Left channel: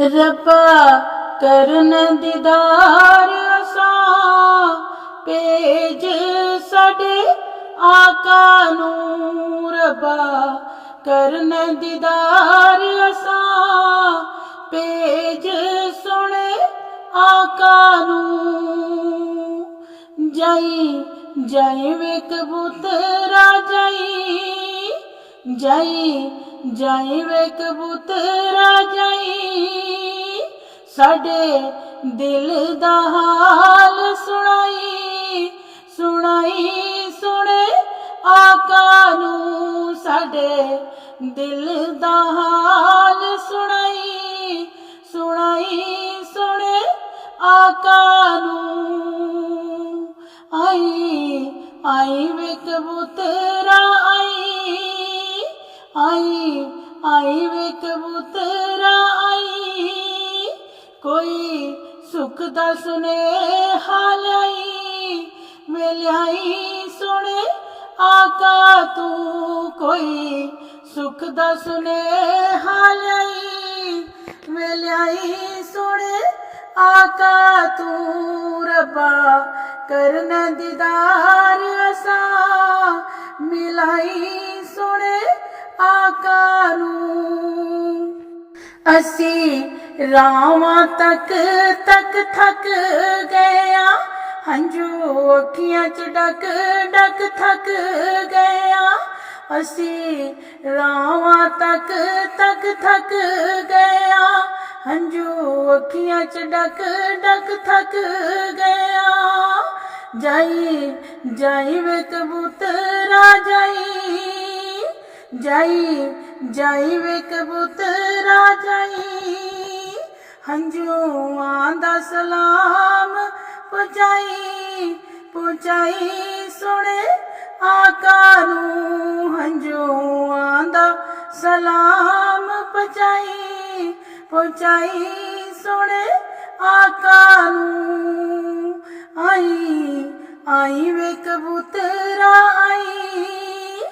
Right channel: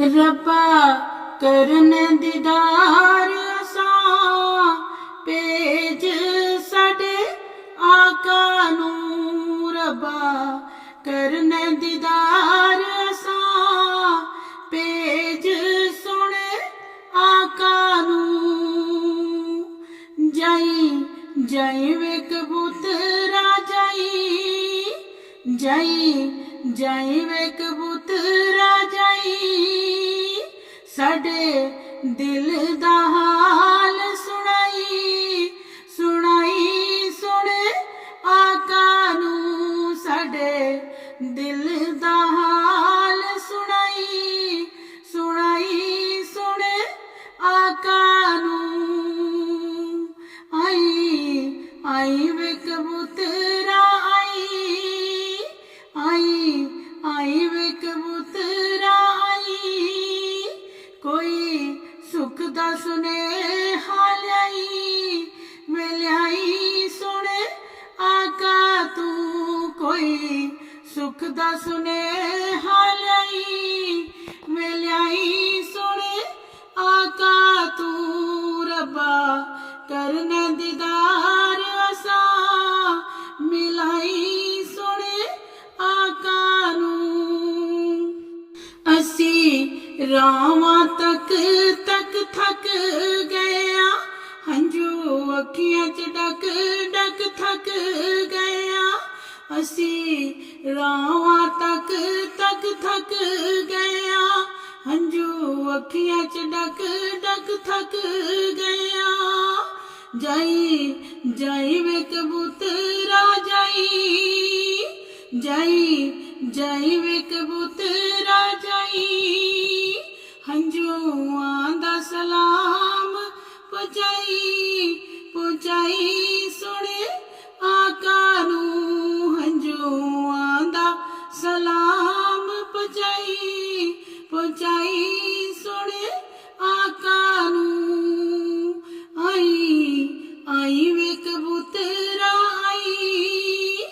रब्बा करन दीदार असां भेज साडे आका नूं। रब्बा करन दीदार असां भेज सोने आका नूं। जाई जाई वे कबूतरा जाई, जाई जाई वे कबूतरा जाई, साडे दिल दा हाल सुनाई, सुनाई सुने आका नूं। साडे दिल दा हाल सुनाई, सुनाई सुने आका नूं। आई आई वे कबूतरा आई, आई आई वे कबूतरा आई, कोई सुख दा सुनेहा ल्याई, वे ल्याई सुने आका तू। कोई सुख दा सुनेहा ल्याई, वे ल्याई सुने आका तू। रब्बा करन दीदार असां मिलाई सुने आका नूं। असी रावां तक तक थक गया, हंजू अखियां च डक डक थक गया। असी रावां तक तक थक गया, हंजू अखियां च डक डक थक गया। जाई जाई वे कबूतरा जाई, जाई जाई वे कबूतरा जाई, हंजुआं दा सलाम पहुंचाई, पहुंचाई सुने आका नूं। हंजुआं दा सलाम पहुंचाई, पहुंचाई सुने आका नूं। आई आई वे कबूतरा आई,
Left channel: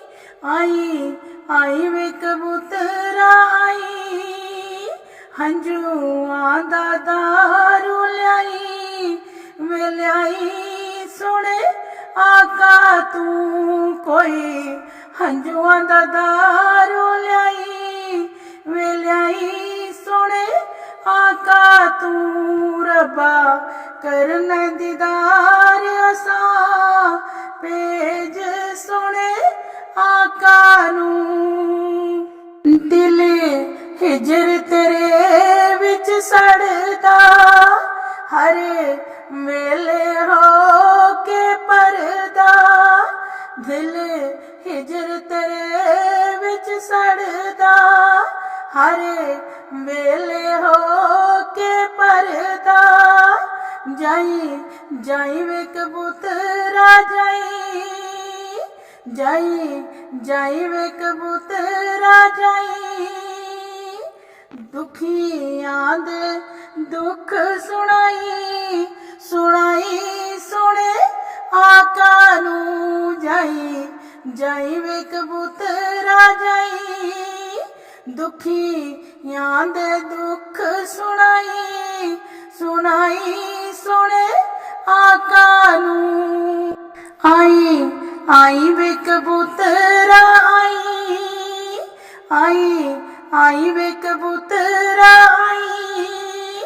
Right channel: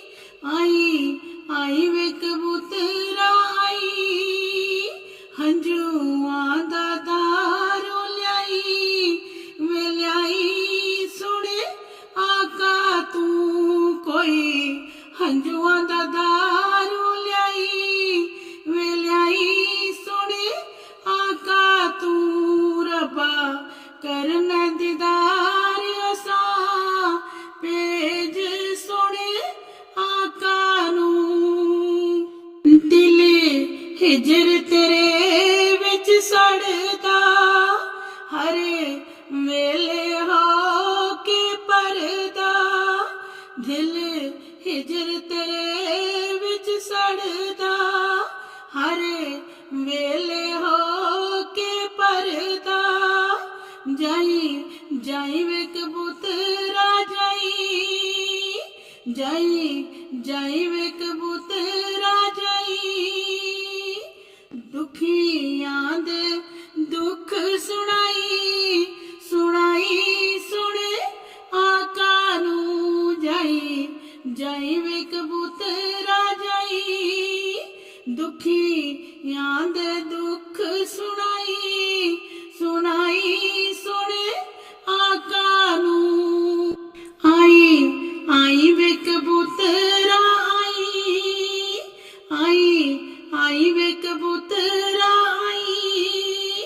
आई आई वे कबूतरा आई, हंजुआं दा दारू ल्याई, वे ल्याई सुने आका तू। कोई हंजुआं दा दारू ल्याई, वे ल्याई सुने आका तू। रब्बा करन दीदार असां भेज सोने आका नूं। दिल हिजर तेरे विच सड़दा, हर वेले हो के परदा। दिल हिजर तेरे विच सड़दा, हर वेले हो के परदा। जाई जाई वे कबूतरा जाई, जाई जाई वे कबूतरा जाई, दुखियां दे दुख सुनाई, सुनाई सुने आका नूं। जाई जाई वे कबूतरा जाई, दुखियां दे दुख सुनाई, सुनाई सुने आका नूं। आई आई वे कबूतरा आई, आई आई वे कबूतरा आई,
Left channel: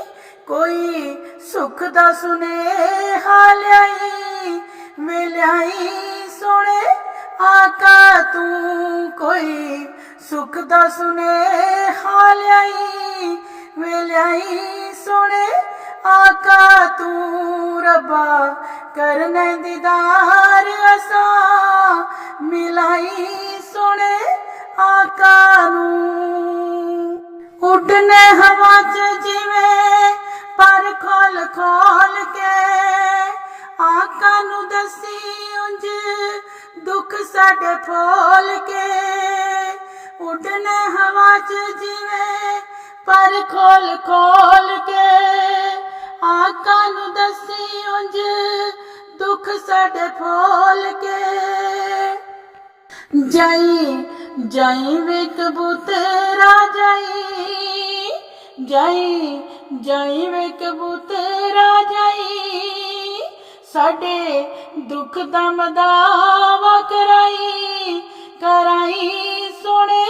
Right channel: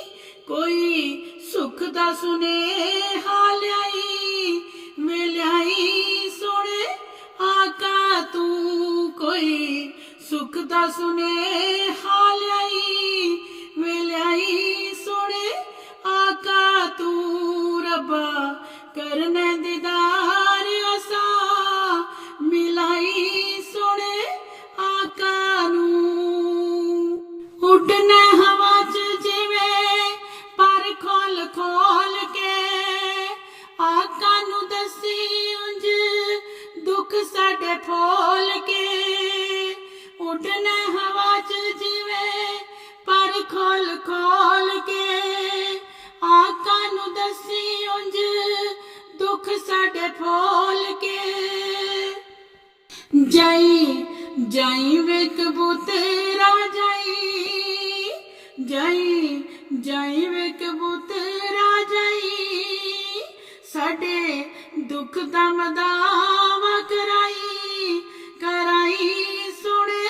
कोई सुख दा सुनेहा ल्याई, वे ल्याई सुने आका तू। कोई सुख दा सुनेहा ल्याई, वे ल्याई सुने आका तू। रब्बा करन दीदार असां मिलाई सुने आका नूं। उडने हवा च जिवें पर खोल खोल के, आका नूं दसी उंज दुख साडे फोल के। उडने हवा च जिवें पर खोल खोल के, आका नूं दसी उंज दुख साडे फोल के। जाई जाई वे कबूतरा जाई, ਜਾਈ ਜਾਈ ਵੇ ਕਬੂਤਰਾ ਜਾਈ, ਸਾਡੇ ਦੁੱਖ ਦਾ ਮਦਾਵਾ ਕਰਾਈ ਕਰਾਈ ਸੋਹਣੇ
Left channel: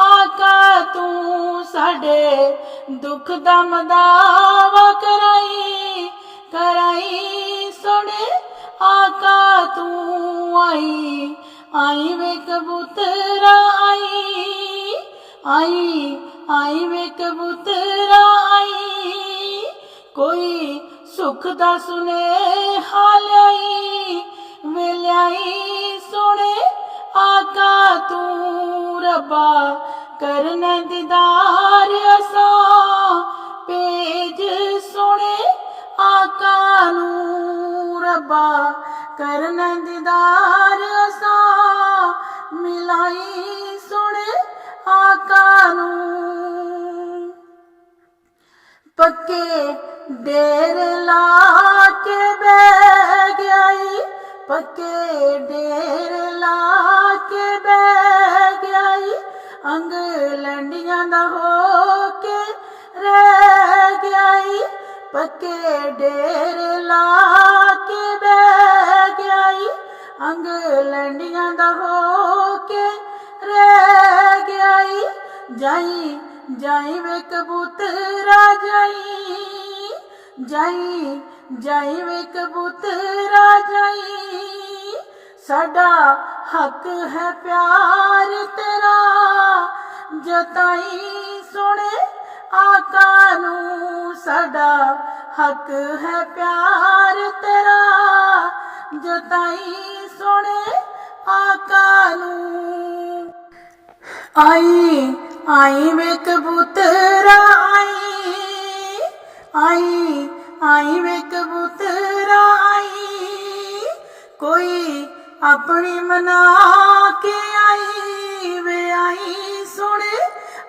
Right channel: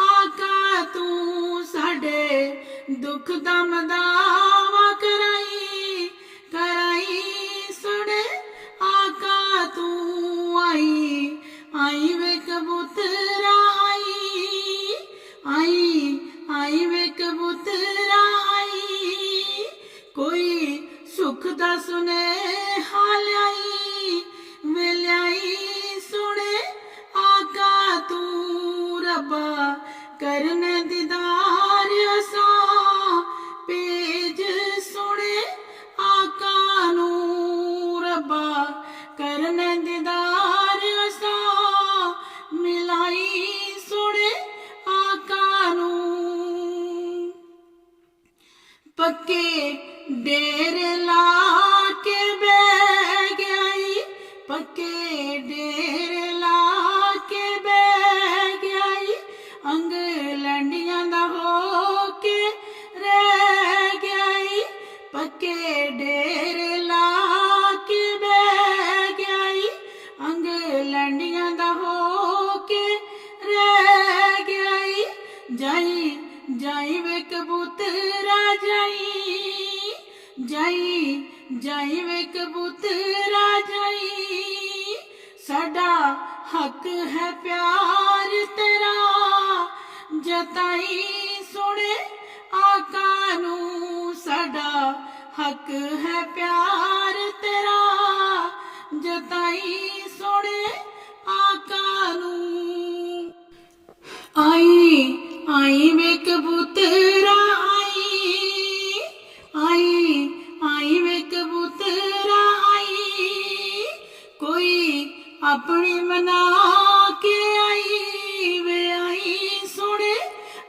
ਆਕਾ ਤੂੰ, ਸਾਡੇ ਦੁੱਖ ਦਾ ਮਦਾਵਾ ਕਰਾਈ ਕਰਾਈ ਸੋਹਣੇ ਆਕਾ ਤੂੰ। ਆਈ ਆਈ ਵੇ ਕਬੂਤਰਾ ਆਈ ਆਈ ਆਈ ਵੇ ਕਬੂਤਰਾ ਆਈ, ਕੋਈ ਸੁਖ ਦਾ ਸੁਨੇਹਾ ਲਿਆਈ ਵੇ ਲਿਆਈ ਸੋਹਣੇ ਆਕਾ ਤੂੰ। ਰੱਬਾ ਕਰਨੇ ਦੀਦਾਰ ਅਸਾਂ ਭੇਜ ਸੋਹਣੇ ਆਕਾ ਨੂੰ, ਰੱਬਾ ਕਰਨੇ ਦੀਦਾਰ ਅਸਾਂ ਮਿਲਾਈ ਸੋਹਣੇ ਆਕਾ ਨੂੰ। ਪੱਕੇ ਡੇਰੇ ਲਾ ਕੇ ਬਹਿ ਗਿਆਈ, ਪੱਕੇ ਡੇਰੇ ਲਾ ਕੇ ਬਹਿ ਗਿਆਈ, ਅੰਗ ਲੰਡੀਆਂ ਦਾ ਹੋ ਕੇ ਰਹਿ ਗਿਆਈ, ਪੱਕੇ ਡੇਰੇ ਲਾ ਕੇ ਬਹਿ ਗਿਆਈ, ਅੰਗ ਲੰਡੀਆਂ ਦਾ ਹੋ ਕੇ ਰਹਿ ਗਿਆਈ। ਜਾਈ ਜਾਈ ਵੇ ਕਬੂਤਰਾ ਜਾਈ, ਜਾਈ ਜਾਈ ਵੇ ਕਬੂਤਰਾ ਜਾਈ, ਸਾਡਾ ਹੱਕ ਹੈ ਪਿਆਰ ਤੇਰਾ ਜਤਾਈ ਸੋਹਣੇ ਆਕਾ ਨੂੰ, ਸਾਡਾ ਹੱਕ ਹੈ ਪਿਆਰ ਤੇਰਾ ਜਤਾਈ ਸੋਹਣੇ ਆਕਾ ਨੂੰ। ਆਈ ਆਈ ਵੇ ਕਬੂਤਰਾ ਆਈ ਆਈ ਆਈ ਵੇ ਕਬੂਤਰਾ ਆਈ, ਕੋਈ ਆਪਣੀ ਮਨਾ ਕੇ ਆਈ ਵੇ ਆਈ ਸੋਹਣੇ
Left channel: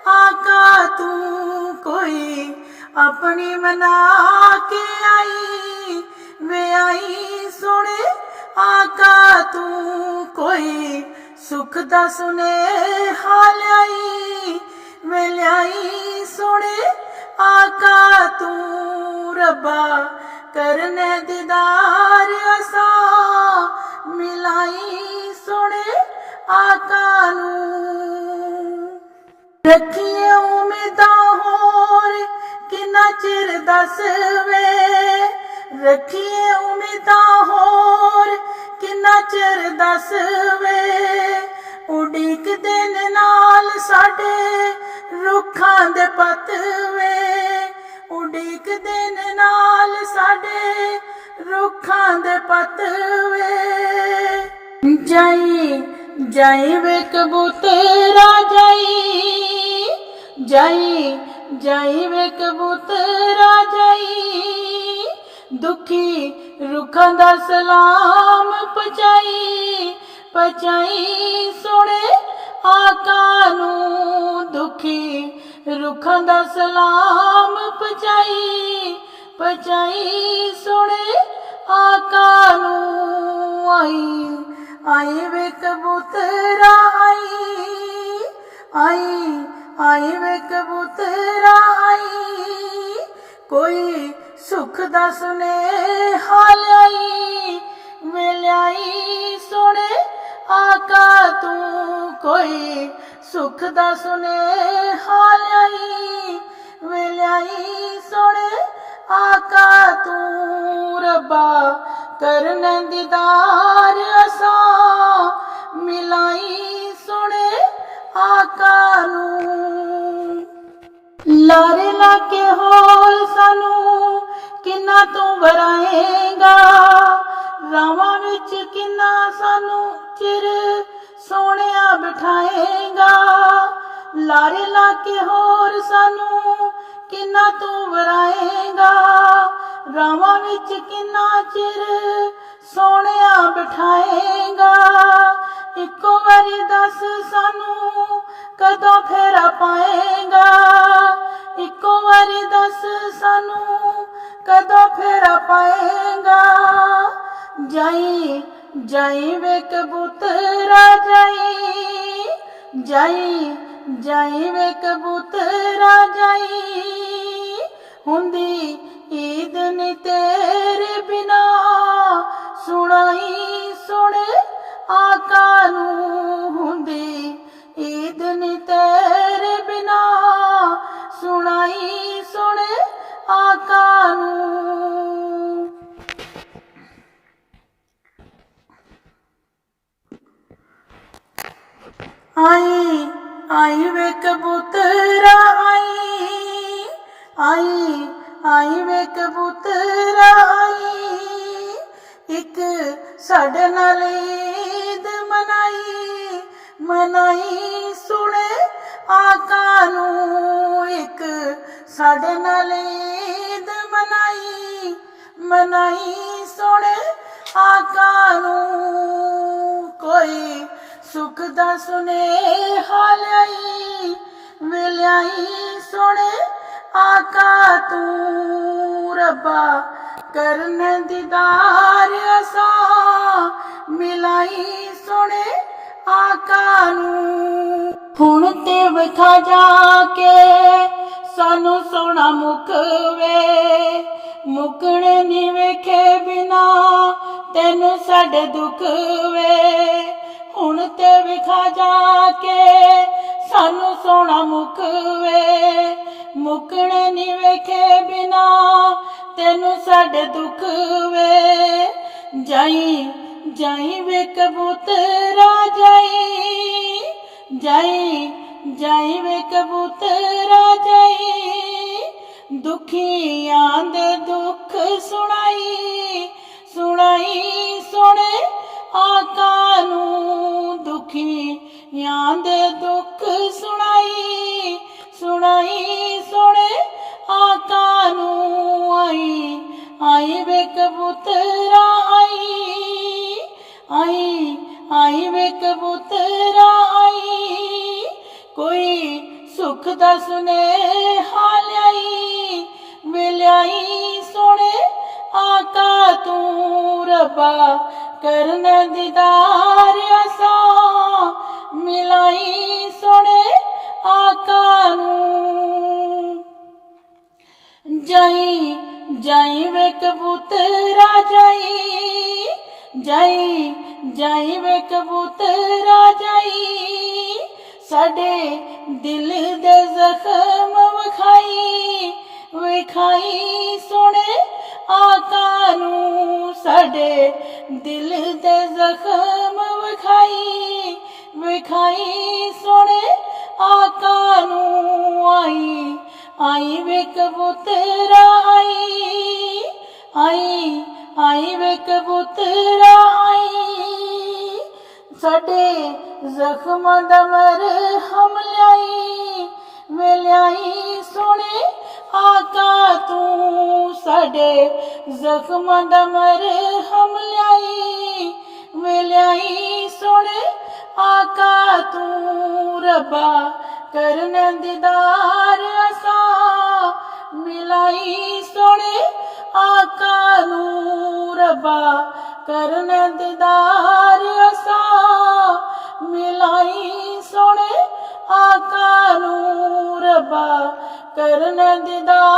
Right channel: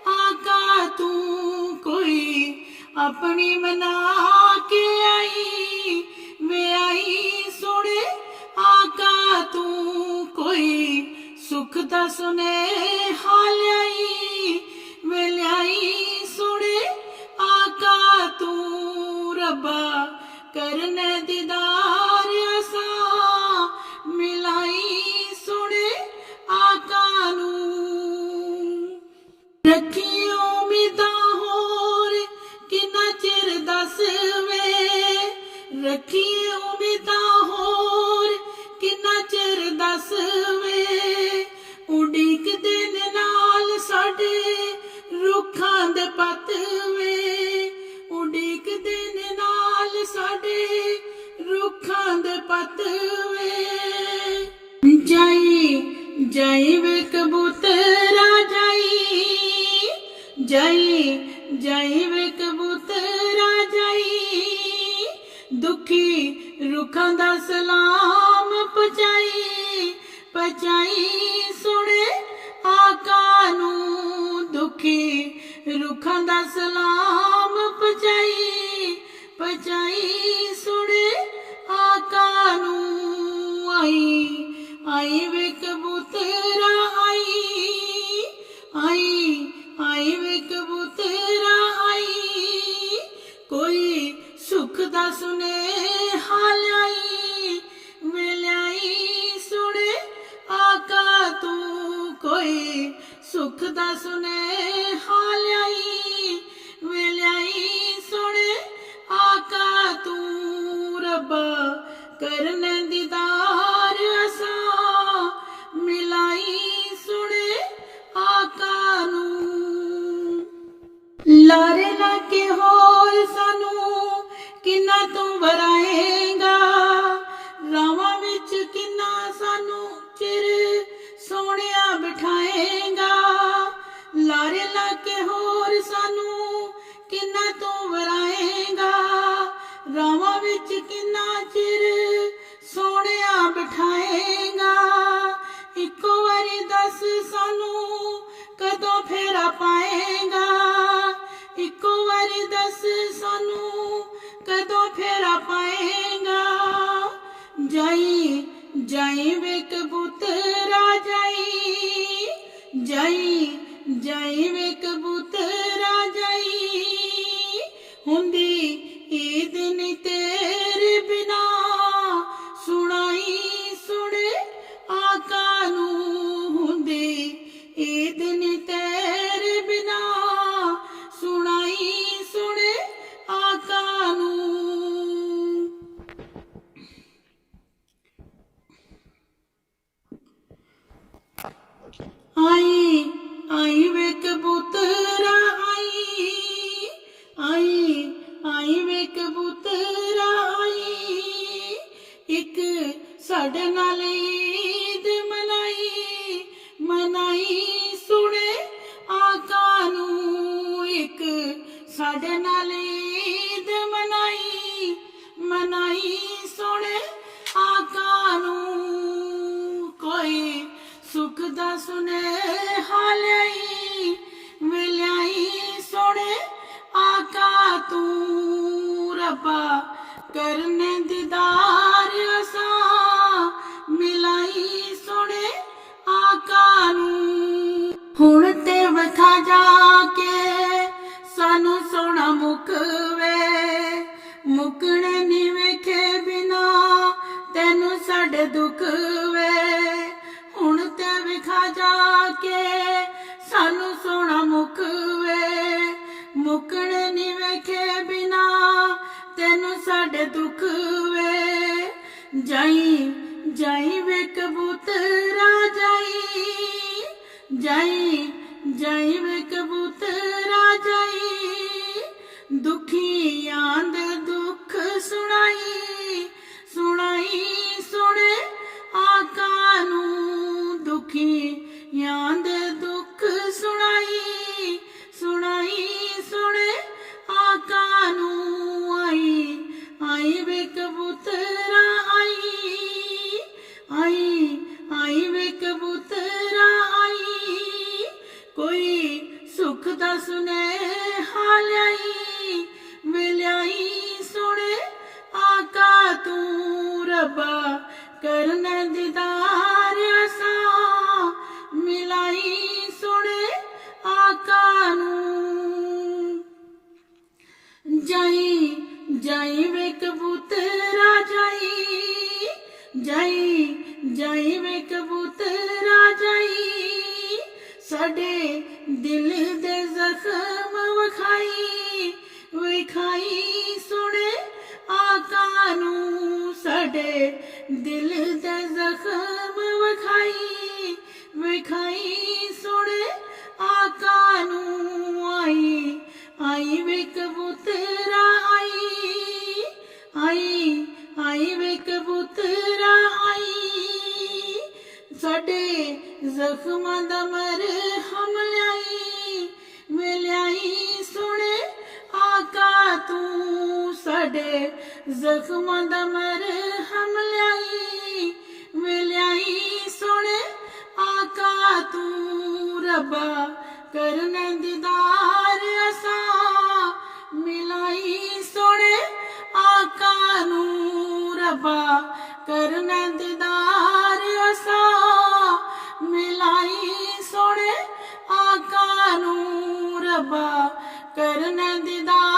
ਆਕਾ ਤੂੰ, ਕੋਈ ਆਪਣੀ ਮਨਾ ਕੇ ਆਈ ਵੇ ਆਈ ਸੋਹਣੇ ਆਕਾ ਤੂੰ, ਕੋਈ ਸੁਖ ਦਾ ਸੁਨੇਹਾ ਲਿਆਈ ਵੇ ਲਿਆਈ ਸੋਹਣੇ ਆਕਾ ਤੂੰ। ਰੱਬਾ ਕਰਨੇ ਦੀਦਾਰ ਅਸਾਂ ਮਿਲਾਈ ਸੋਹਣੇ ਆਕਾ ਨੂੰ। ਰੱਖੀਏ ਉਮੀਦਾਂ ਹੋਰ ਕਿੰਨਾ ਚਿਰ ਦੱਸ ਵੇ, ਰੱਖੀਏ ਉਮੀਦਾਂ ਹੋਰ ਕਿੰਨਾ ਚਿਰ ਦੱਸ ਵੇ, ਉਡੀਕਦੇ ਨੇ ਨਾਲ ਸਾਡੇ ਰੁੱਖਾਂ ਦੇ ਪੱਤ ਵੇ, ਉਡੀਕਦੇ ਨੇ ਨਾਲ ਸਾਡੇ ਰੁੱਖਾਂ ਦੇ ਪੱਤ ਵੇ। ਜਾਈ ਜਾਈ ਵੇ ਕਬੂਤਰਾ ਜਾਈ, ਜਾਈ ਜਾਈ ਵੇ ਕਬੂਤਰਾ ਜਾਈ, ਦੁਖੀ ਰੁੱਖਾਂ ਦਾ ਸਲਾਮ ਪਹੁੰਚਾਈ ਪਹੁੰਚਾਈ ਸੋਹਣੇ ਆਕਾ ਨੂੰ, ਦੁਖੀ ਰੁੱਖਾਂ ਦਾ ਸਲਾਮ ਪਹੁੰਚਾਈ ਪਹੁੰਚਾਈ ਸੋਹਣੇ ਆਕਾ ਨੂੰ। ਆਈ ਆਈ ਵੇ ਕਬੂਤਰਾ ਆਈ ਆਈ ਆਈ ਵੇ ਕਬੂਤਰਾ ਆਈ, ਕੋਈ ਸੁਖ ਦਾ ਸੁਨੇਹਾ ਲਿਆਈ ਵੇ ਲਿਆਈ ਸੋਹਣੇ ਆਕਾ ਤੂੰ, ਕੋਈ ਸੁਖ ਦਾ ਸੁਨੇਹਾ ਲਿਆਈ ਵੇ ਲਿਆਈ ਸੋਹਣੇ ਆਕਾ ਤੂੰ। ਰੱਬਾ ਕਰਨੇ ਦੀਦਾਰ ਅਸਾਂ ਮਿਲਾਈ ਸੋਹਣੇ ਆਕਾ ਨੂੰ। ਲਾਰੇ ਲਾ ਕੇ ਹੋਰ ਸਾਨੂੰ ਕਿੰਨਾ ਤੂੰ ਵਰਾਏਗਾ, ਰਾਵਾਂ ਵਿੱਚ ਕਿੰਨਾ ਸਾਨੂੰ ਚਿਰ ਸੋਹਣਿਆ ਬਿਠਾਏਗਾ, ਲਾਰੇ ਲਾ ਕੇ ਹੋਰ ਸਾਨੂੰ ਕਿੰਨਾ ਤੂੰ ਵਰਾਏਗਾ, ਰਾਵਾਂ ਵਿੱਚ ਕਿੰਨਾ ਚਿਰ ਸੋਹਣਿਆ ਬਿਠਾਏਗਾ। ਇੱਕੋ ਵਾਰੀ ਦੱਸ ਸਾਨੂੰ ਕਦੋਂ ਫੇਰਾ ਪਾਏਗਾ, ਇੱਕੋ ਵਾਰੀ ਦੱਸ ਸਾਨੂੰ ਕਦੋਂ ਫੇਰਾ ਪਾਏਗਾ। ਜਾਈ ਜਾਈ ਵੇ ਕਬੂਤਰਾ ਜਾਈ, ਜਾਈ ਜਾਈ ਵੇ ਕਬੂਤਰਾ ਜਾਈ, ਹੁੰਦੀ ਈਦ ਨੀ ਤੇਰੇ ਬਿਨਾ, ਸੁਣਾਈ ਸੁਣੇ ਆਕਾ ਨੂੰ, ਹੁੰਦੀ ਈਦ ਨੀ ਤੇਰੇ ਬਿਨਾ, ਸੁਣਾਈ ਸੁਣੇ ਆਕਾ ਨੂੰ। आई आई वे कबूतरा आई, आई आई वे कबूतरा आई, एक साडे नाल ईद मनाई, मनाई सुने आका नू, एक साडे नाल ईद मनाई, मनाई सुने आका नू। कोई सुख दा सुनेहा ल्याई, वे ल्याई सोने आका तू, रब्बा करने दीदार असा, मिलाई सोने आका नू। हुण ते विखा जाके सानू सोना मुकवे, मुकने नी वेखे बिना तेनू साडे दुख वे, हुण ते विखा जाके सानू सोना मुकवे, मुकने नी वेखे बिना तेनू साडे दुख वे। जाई जाई वे कबूतरा जाई, जाई जाई वे कबूतरा जाई, दुखियां दे दुख सुनाई, सुनाई सुने आका नू, दुखियां दे दुख सुनाई, सुनाई सुने आका नू। आई आई वे कबूतरा आई, आई आई वे कबूतरा आई, कोई सुख दा सुनेहा ल्याई, वे ल्याई सोने आका तू, रब्बा करने दीदार असा, मिलाई सोने आका नू। जाई जाई वे कबूतरा जाई, जाई जाई वे कबूतरा जाई, साडे दिल दे जख्म विखाई, विखाई सोने आका नू, साडे दिल दे जख्म विखाई, विखाई सोने आका नू। आई आई वे कबूतरा आई, आई आई वे कबूतरा आई, साडे जख्मां दा मरहम ल्याई, वे ल्याई सोने आका तू, साडे जख्मां दा मरहम ल्याई, वे ल्याई सोने आका तू, रब्बा करने दीदार असा, मिलाई सोने आका नू, रब्बा करने दीदार असा, मिलाई सोने आका नू, रब्बा करने दीदार